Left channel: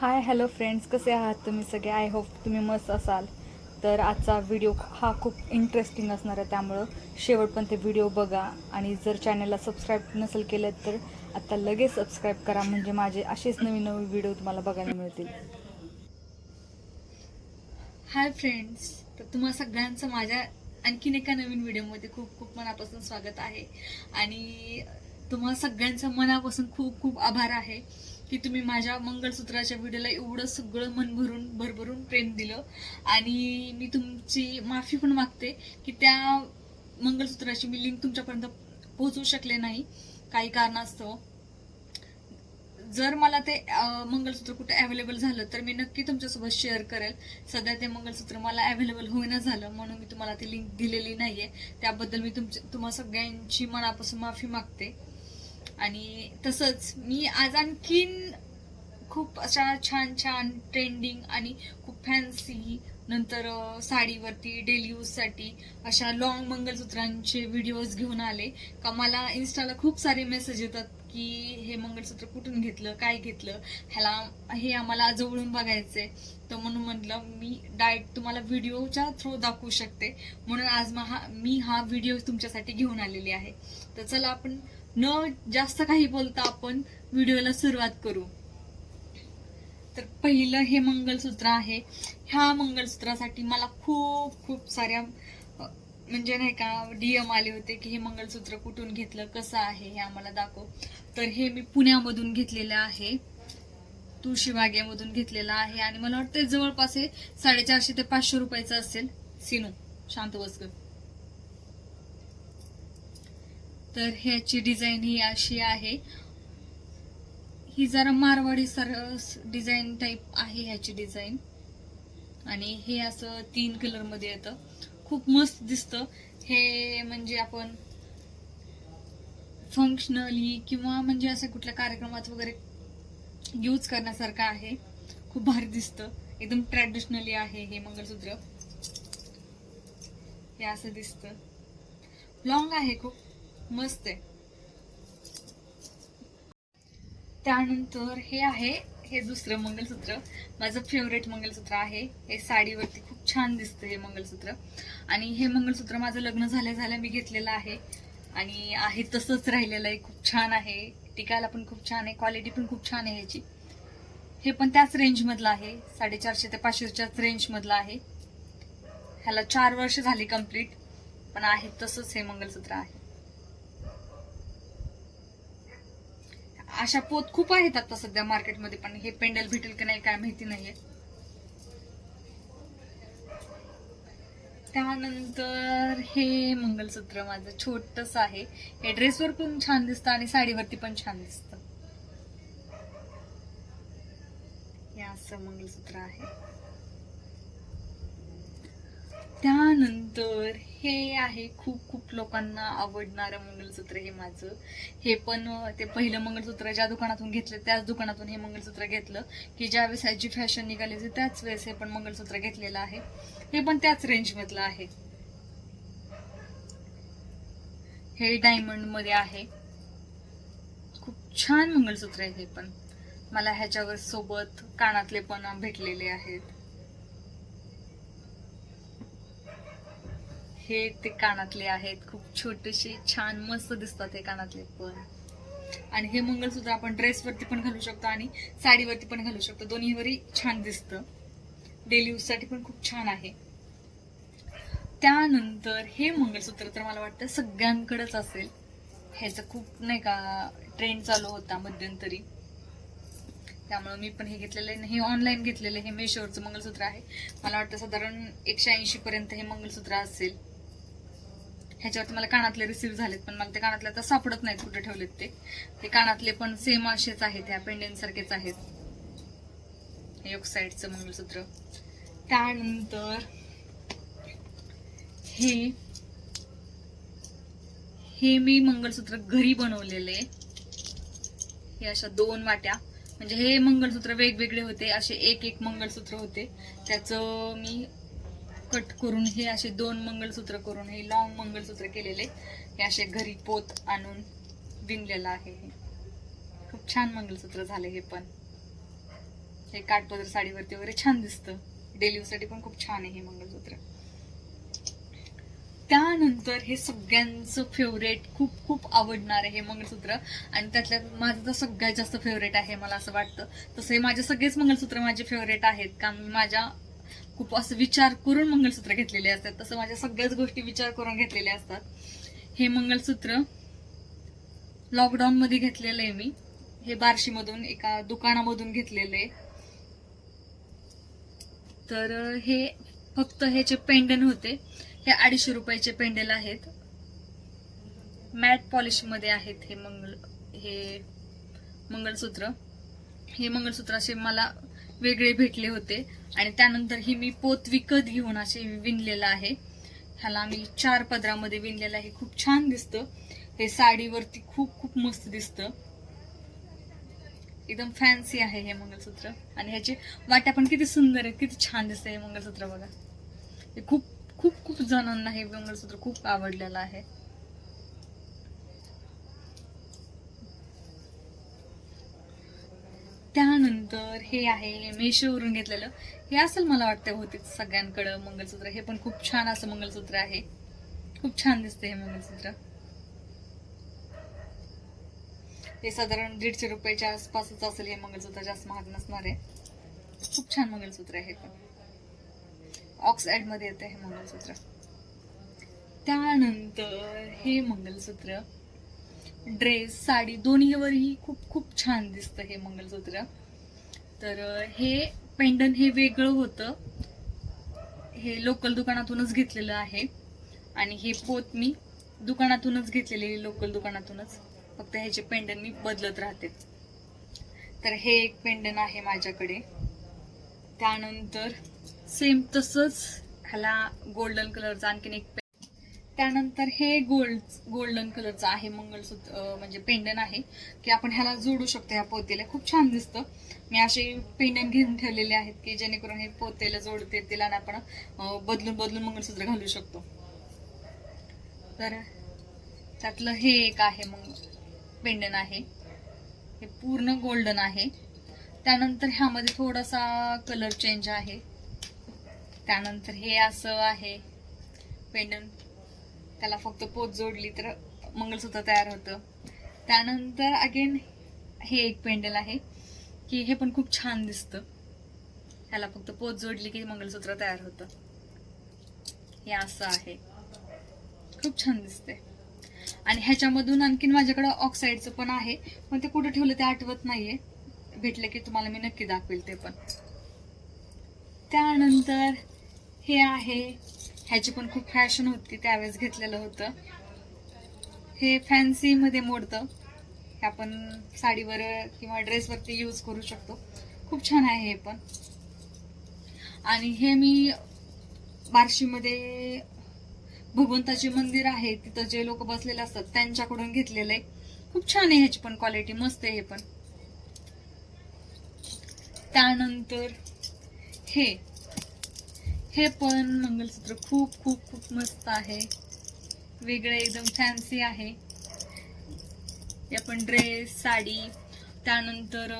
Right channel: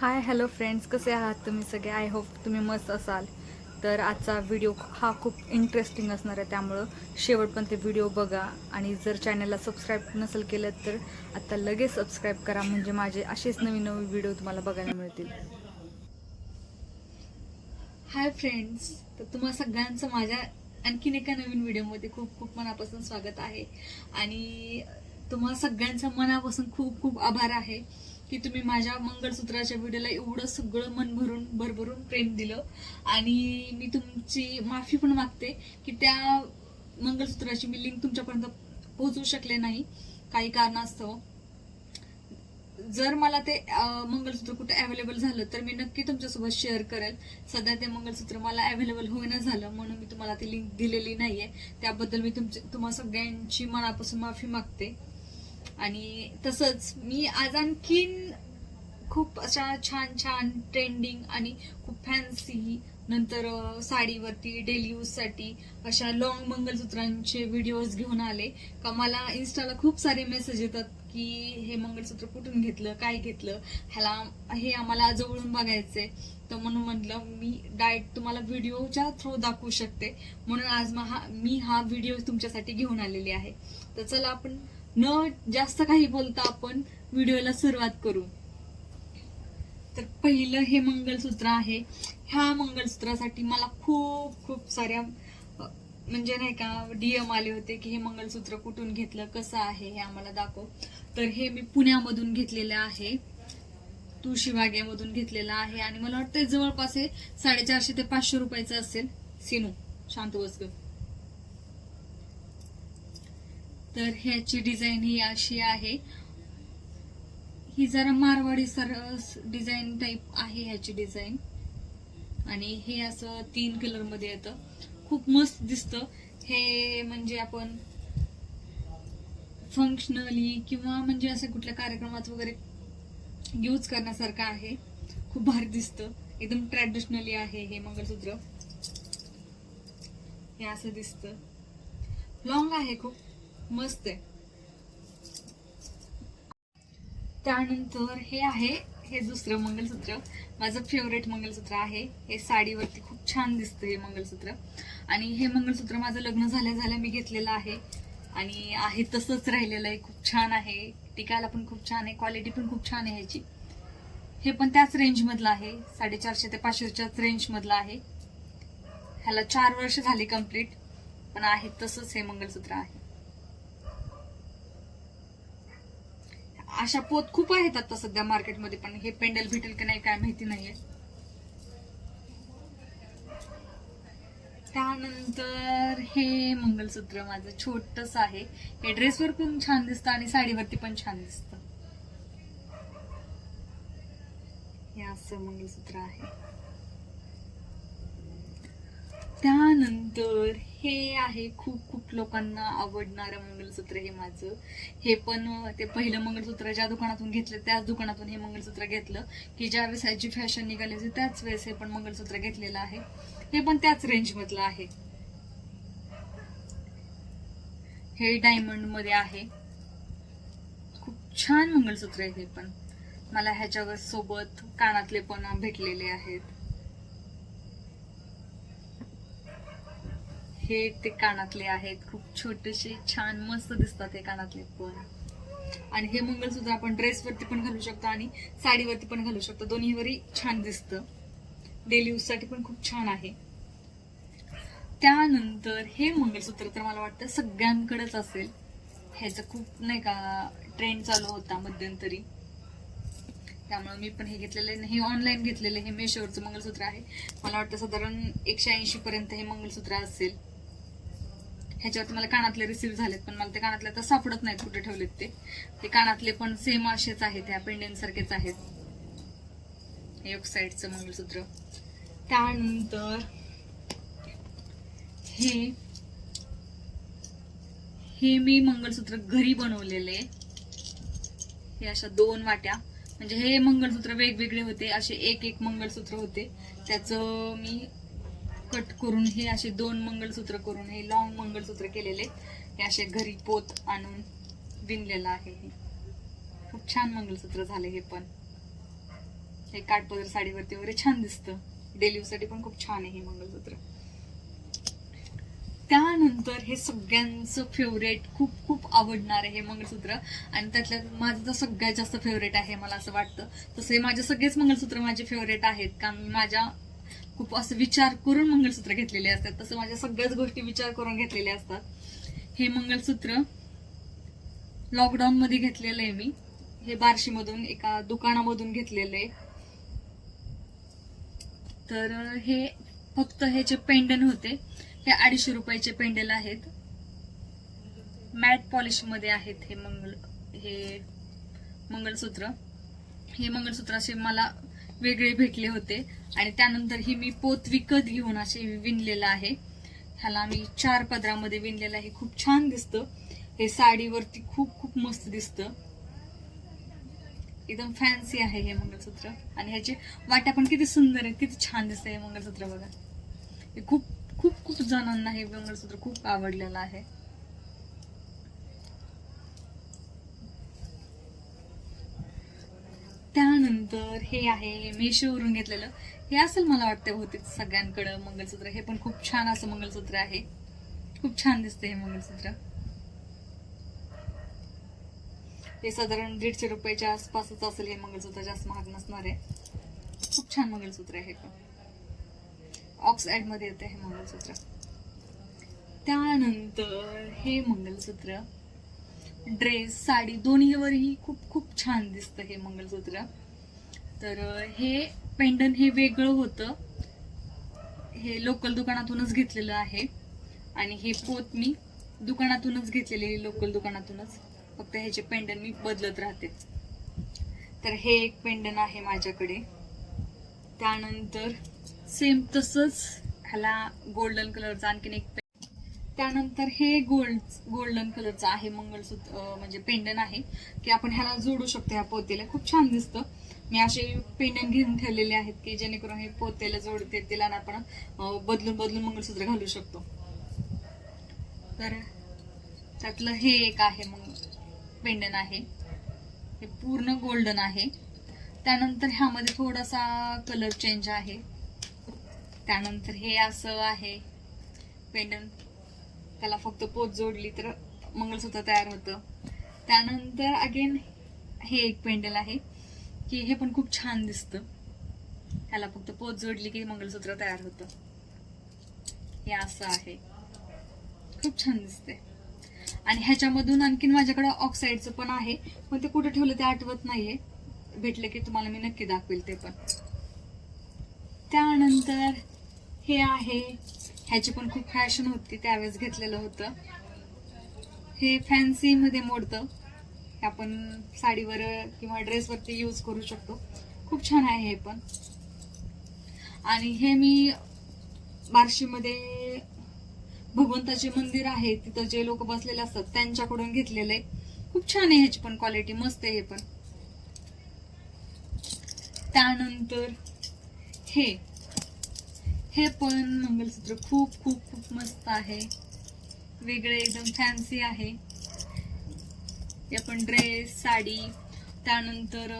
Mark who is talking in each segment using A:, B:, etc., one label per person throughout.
A: Hi hello friends कसे आहात तुम्ही सगळे? आय होप तुम्ही मस्त असाल. तर आजचा व्हिडिओ हा खूप इंटरेस्टिंग असणार आहे त्यामुळं शेवट पण ते व्हिडिओ बघा. आणि जर चॅनलला सबस्क्राईब नसेल केलं तर आत्ता लगेच सबस्क्राईब करा म्हणजे माझे असेच नवीन नवीन व्हिडिओ तुम्हाला बघायला मिळतील.
B: हाय फ्रेंड्स तर तुम्हा सगळ्यांचं माझ्या आणखीन एका नवीन व्हिडिओमध्ये खूप खूप मनापासून स्वागत आहे. आणि तुम्हा सगळ्यांचं मनापासून खूप खूप आभार आहे. की तुम्ही माझ्या मंगळसूत्राच्या व्हिडिओला एवढं सगळं मन भरून भरभरून प्रेम दिलं. आणि मी तुमची माफी पण मागते की त्या मंगळसूत्राची मी लिंक तुमच्यापर्यंत पोहोचवू शकले नाही. काही कारणास्तव. जर मला ते मंगळसूत्र कुठे अवेलेबल झालं तर मी नक्की तुमच्यासोबत शेअर करेल. सध्या ते मंगळसूत्र मला अवेलेबल होईना झालं म्हणून मी तुम्हाला ती लिंक दिलेली नाहीये. त्याबद्दल मी तुमच्या तुम्हा सगळ्यांची मनापासून माफी मागते. आणि तसंच मी आज आणखीन खूप अशा छान छान ट्रेंडिंग आणि खूप फॅन्सी नंतर साडीवरती डेली यूजसाठी अशा लॉंग मंगळसूत्रांचे व्हिडिओज घेऊन आले. का मला इन्स्टाला खूप सारे मेसेज येतात की हे मंगळसूत्र कुठून घेतलं काय घेतलं? ह्याला हे आम्हाला जवळून बघायचंय. तर म्हणून म्हटलं मी डायरेक्ट तुम्हाला व्हिडिओच्या थ्रू दाखवू शकते. म्हणून आज मा- मी हा व्हिडिओ तुमच्यासाठी घेऊन आलेली आहे. तर चला आपण न जास्त काही बोलता आपण व्हिडिओला सुरुवात करू. तर पहिलं हे मंगळसूत्र आहे. ह्या मंगळसूत्रासाठी मला खूप खूप साऱ्या म्हणजे नाही का डीएम आले होते की हे मंगळसूत्र कुठून घेतलं कसं आहे हे आम्हाला दाखव. तर हे मी पुण्यामधून घेतलेलं आहे. तुळशीबागेमधून घेतलेलं आहे. आणि मला वाटतं जवळपास हे साडेचारशे ते पाचशे रुपयाचं असेल. सिनू शांत बसकर तर ह्याची डिझाईन ही अशी आहे. ही जरा मारवाडी सर डिझाईन टाईप आहे ह्याची डिझाईन. आणि हे असं तीन कलरमध्ये येतं. खूप मस्त दिसतं. हे म्हणजे आपण फंक्शनली किंवा म्हणजे असं कुठल्या कार्यक्रमात वगैरे यूज करण्यासारखं आहे. खूप भारी दिसतं. एकदम ट्रॅडिशनली आहे हे मंगळसूत्र. हे असं दिसतं. लॉंग आहे खूप. मस्त आहे. त्यानंतर हे आहे हे दुसरं मंगलसूत्र. माझं फेवरेट मंगलसूत्र आहे. हे साडीवरती खूप छान दिसतं हे मंगलसूत्र. आणि हे मंगळसूत्र माझं लग्न झाल्या झाल्या मी घेतलेलं आहे. आणि आहे तसंच राहिलेलं आहे. खूप छान आहे. टिकायला पण खूप छान आहे. क्वालिटी पण खूप छान आहे ह्याची. हे पण त्याच रेंजमधलं आहे. साडेचारशे ते पाचशेच्याच रेंजमधलं आहे. ह्याला चार वर्ष झाली कंप्लीट पण आहे तसंच हे मंगलसूत्र आहे. अशा पोत खूप आहेत आता सध्या मार्केटमध्ये पण हे पेंडल भेटेल की नाही काय माहिती नाहीये. त्यानंतर हे मंगलसूत्र माझं छोटस आहे. हे ड्रेसवर पण छान दिसतं आणि साडीवरती पण छान दिसतं. हे असं मंगलसूत्र आहे. त्यानंतर हे आहे खूप खूप लोकांना आवडणारं मंगळसूत्र हे माझं. हे पण ते पहिलं मंगळसूत्र ज्या दुकानातून घेतलं त्याच दुकानातून हे मंगळसूत्र घेतलं. की ज्या वेळेस ह्याची फॅशन निघाली होती त्याच वेळेस हे पण मंगळसूत्र घेतलेलं आहे. हे पण त्याच रेंजमधलं आहे. हे डायमंडमध्ये आहे. खूप छान मंगळसूत्र आहे हे पण. मला ह्याच्यावर सोबत कानातले पण भेटलेले आहेत. हे ते कानातले आहेत. खूप छोटेसे छान मस्त दिसतात हे कानातले पण. आणि हे मंगळसूत्र आपण ड्रेसवरती पण घालू शकतो आणि साडीवरती पण घालू शकतो. दोन्हीवरही छान दिसतं. डेली यूजसाठी पण खूप छान आहे. त्यानंतर हे मंगळसूत्र तर मला वाटतं सगळ्यांकडेच असेल. ह्याचं खूप नाही का ट्रेंड चालू होता मध्यंतरी. त्यामुळे मी पण हे घेतलेलं आहे. हे ऑनलाईन घेतलेलं हे मेशोवरचं मंगळसूत्र आहे. मला वाटतं साधारण एकशे ऐंशी पर्यंत हे मंगळसूत्र असेल. ह्याच्यावरती मला कानातले रिसीव्ह झालेत पण मला ते कानातले आता सापडत नाहीत कुठे ठेवलेत ते. ते कानातले पण सेम असेच आहेत ह्या पेंडेंट सारखेच आहेत एक साईडचं मंगळसूत्र. त्यानंतर हे हे मी मंगळसूत्र घरी बनवलेले. हे अशा दोन वाट्या. म्हणजे हे मंगळसूत्र वेगवेगळे होते असे एक एक मंगळसूत्र होते. त्याचं मी कट करून हे असे दोन मंगळसूत्र करून हे लॉंग मंगळसूत्र केलेले हे असे घरी पोत आणून विणलेलं आहे हे. खूप छान मंगळसूत्र झाले हे पण. हे काठपदर साडीवरती वगैरे छान दिसतं. डेली पण खूप छान आहे हे मंगळसूत्र. त्यानंतर हे सगळ्यांचं फेवरेट खूप खूप आवडणार आहे हे मंगळसूत्र. आणि त्यातल्या माझं तर सगळ्यात जास्त फेवरेट आहे मला असं वाटतं. तसं हे माझे सगळेच मंगळसूत्र माझे फेवरेट आहेत. कारण माझ्या खूप असं विचार करून मंगळसूत्र घेतलेले असतात. तसं माझ्या सगळ्याच गोष्टी विचार करून घेतलेल्या असतात. हे मंगळसूत्र लॉकडाऊन मध्ये घेतलेलं आहे मी. हे बार्शीमधून एका दुकानामधून घेतलेलं आहे. तर हे फक्त ह्याचे पेंडन होते हे अडीचशे रुपयाचे पेंडल आहेत. मॅट पॉलिशमध्ये आहेत हे मंगल हे मंगळसूत्र हे मंगळसूत्र असे मला वेगळे भेटले होते. आणि त्यानंतर ही मी पोत विकत घेऊन असे विणलेलं आहे. ह्याला मी चार पदरामध्ये विणलेलं आहे. खूप छान दिसतं. हे साडीवरती खूप खूप मस्त दिसतं. एकदम फॅन्सी आहे हे मंगळसूत्र आणि ह्याचे वाट्या पण किती सुंदर आहे किती छान दिसतं हे मंगळसूत्र बघा. हे खूप खूप खूप जणांना हे मंगळसूत्र खूप आवडलेलं आहे. त्यानंतर हे आहे मेशोवरून घेतलेलं. हे असेल मला वाटतं होते सगळ्यांकडं मंगलसूत्र. हे पण खूप छान असं मंगलसूत्र आहे. खूप छान दिसते हे मंगलसूत्र. हे साधारण दीडशे रुपयाच्या आसपासच असेल हे मंगलसूत्र जास्त महाग नसणार आहे. खूप छान मंगलसूत्र आहे हे पण. ऑक्साईडमध्ये येते हे मंगलसूत्र. त्यानंतर हे मंगलसूत्र. ड्रेस साडी दोन्हीवरही खूप खूप छान दिसतं हे मंगलसूत्र. तर हे पेंडन हे वेगळं होतं. हे लोकल दुकानातूनच घेतलेलं आहे. आणि हे पोत मी दुकानातूनच घेतलेले लोकल दुकानातूनच. फक्त ह्याचे पेंडन मी बदलत राहते. तर हे एक पेंडन आहे माझ्याकडे. त्यानंतर सेम तसंच ह्याला गोल्डन कलरचा आणखीन एक त्यानंतर हे गोल्ड गोल्डन कलरचं आहे मंगळसूत्र म्हणजे पेंडन आहे. की आपण ह्याला जोडू शकतो ह्या पोतेला. खूप छान दिसतं. मी असे पेंडन घेऊन ठेवलेले आहेत की जेणेकरून हे पोतेला जोडते तिला आपण बदलून बदलून मंगळसूत्र घालू शकतो. तर त्यातलं हे एक आहे मग पेंडन आहे. हे पूर्ण गोल्डन आहे. त्यानंतर ह्यामध्ये थोडासा कलर चेंज आहे. त्यानंतर हे असं आहे. पेंडन. त्याला फक्त पोत जोडली तर मंगळसूत्र तयार होतं. त्यानंतर अगेन हे एक पेंडल आहे की हे पण खूप छान दिसतं. ह्याला फक्त पोत जोडली की मंगळसूत्र तयार होतं. हे असं आहे. खूप छान दिसते आणि ह्याच्यामधून आणखीन माझ्याकडे ऑक्साईडचं पण आहे पण ते कुठे ठेवलं ते आठवत नाहीये. भेटलं की तुम्हाला मी नक्की दाखवेल ते पण. त्यानंतर हे आहे ह्याची पण खूप फॅशन होती त्यावेळेस घेतलेलं होतं. हे फॅन्सीमध्ये मोडतं. हे आपण साडीवर किंवा ड्रेसवरती यूज करू शकतो. खूप छान आहे हे पण. आणि हे मी बार्शीमध्ये भगवंताचे मंदिर आहे तिथं जे लोक बसलेले असतात त्यांच्याकडून घेतलेलं आहे. खूप छान आहे ह्याची पण क्वालिटी मस्त आहे हे पण. त्यानंतर हे हे पण मंगलसूत्र खूप खूप खूप मस्त आहे. वेगळे एकदम फॅन्सी आहे. हे आपण ड्रेस साडी त्यानंतर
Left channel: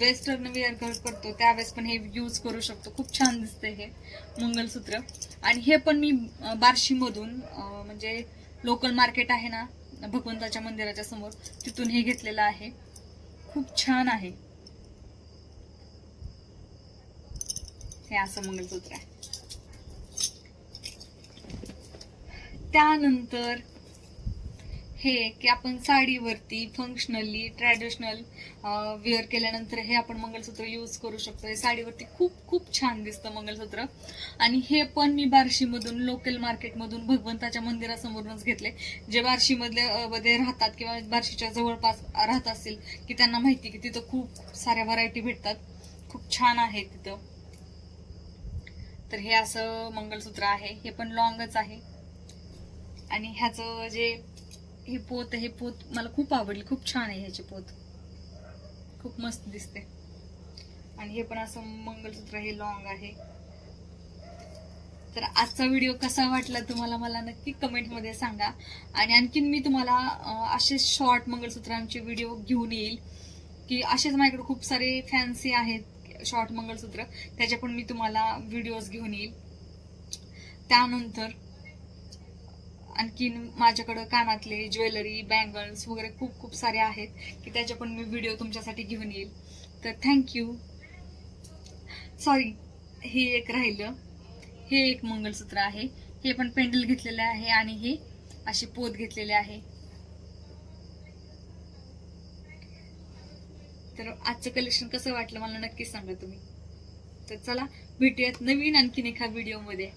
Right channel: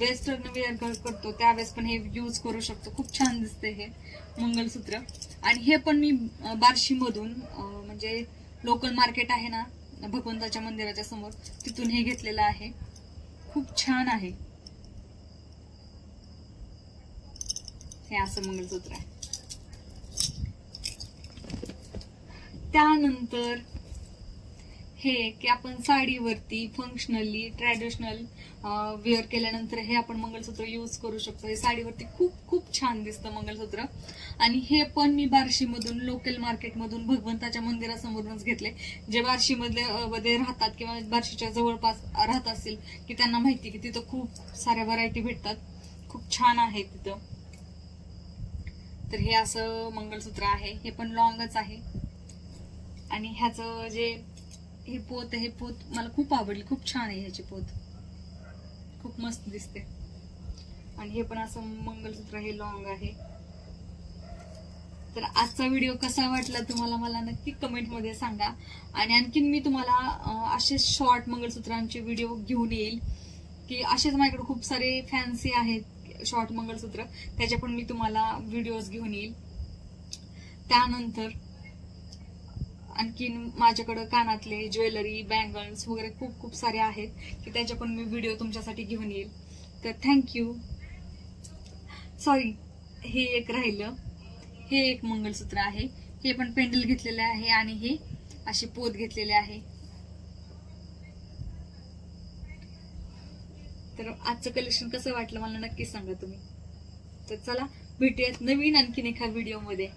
B: वेस्टर्न वेअर करतो त्यावेळेस पण हे यूज करू शकतो. खूप छान दिसते हे मंगलसूत्र. आणि हे पण मी बार्शीमधून म्हणजे लोकल मार्केट आहे ना भगवंताच्या मंदिराच्या समोर तिथून हे घेतलेलं आहे. खूप छान आहे. हे असं मंगलसूत्र आहे. त्यानंतर हे की आपण साडीवरती फंक्शनली ट्रॅडिशनल वेअर केल्यानंतर हे आपण मंगळसूत्र यूज करू शकतो. हे साडीवरती खूप खूप छान दिसतं मंगळसूत्र आणि हे पण मी बार्शीमधून लोकल मार्केटमधून भगवंताच्या मंदिरासमोरूनच घेतले. जे बार्शीमधले मध्ये राहतात किंवा बार्शीच्या जवळपास राहत असतील की त्यांना माहिती की तिथं खूप साऱ्या व्हरायटी भेटतात. खूप छान आहे तिथं. तर हे असं मंगळसूत्र आहे. हे पण लॉंगच आहे. आणि ह्याचं जे हे पोत हे पोत मला खूप आवडली खूप छान आहे ह्याची पोत. खूप मस्त दिसते. आणि हे पण असं मंगळसूत्र हे लॉंग आहे. तर आजचा व्हिडिओ कसा वाटला तुम्हाला मला नक्की कमेंटमध्ये सांगा. आणि आणखीन मी तुम्हाला असे शॉर्ट मंगळसूत्रांचे व्हिडिओ घेऊन येईल की असेच माझ्याकडे खूप सारे फॅन्सी आहेत शॉर्ट मंगळसूत्र त्याचे पण मी तुम्हाला व्हिडिओज घेऊन येईल. त्यानंतर आणखीन माझ्याकडं कानातले ज्वेलरी बँगल्स वगैरे खूप खूप सारे आहेत की त्याचे पण मी व्हिडिओ तुमच्यासाठी घेऊन येईल. तर थँक्यू सॉरी हे एक राहिलं. हे एक मंगळसूत्र आहे. हे पण पेंडल घेतलेले आहे आणि हे असे पोत घेतलेले आहे. तर आजचं कलेक्शन कसं वाटलं मला नक्कीच सांगा तुम्ही. तर चला भेटूयात नवीन आणखीन एका व्हिडिओमध्ये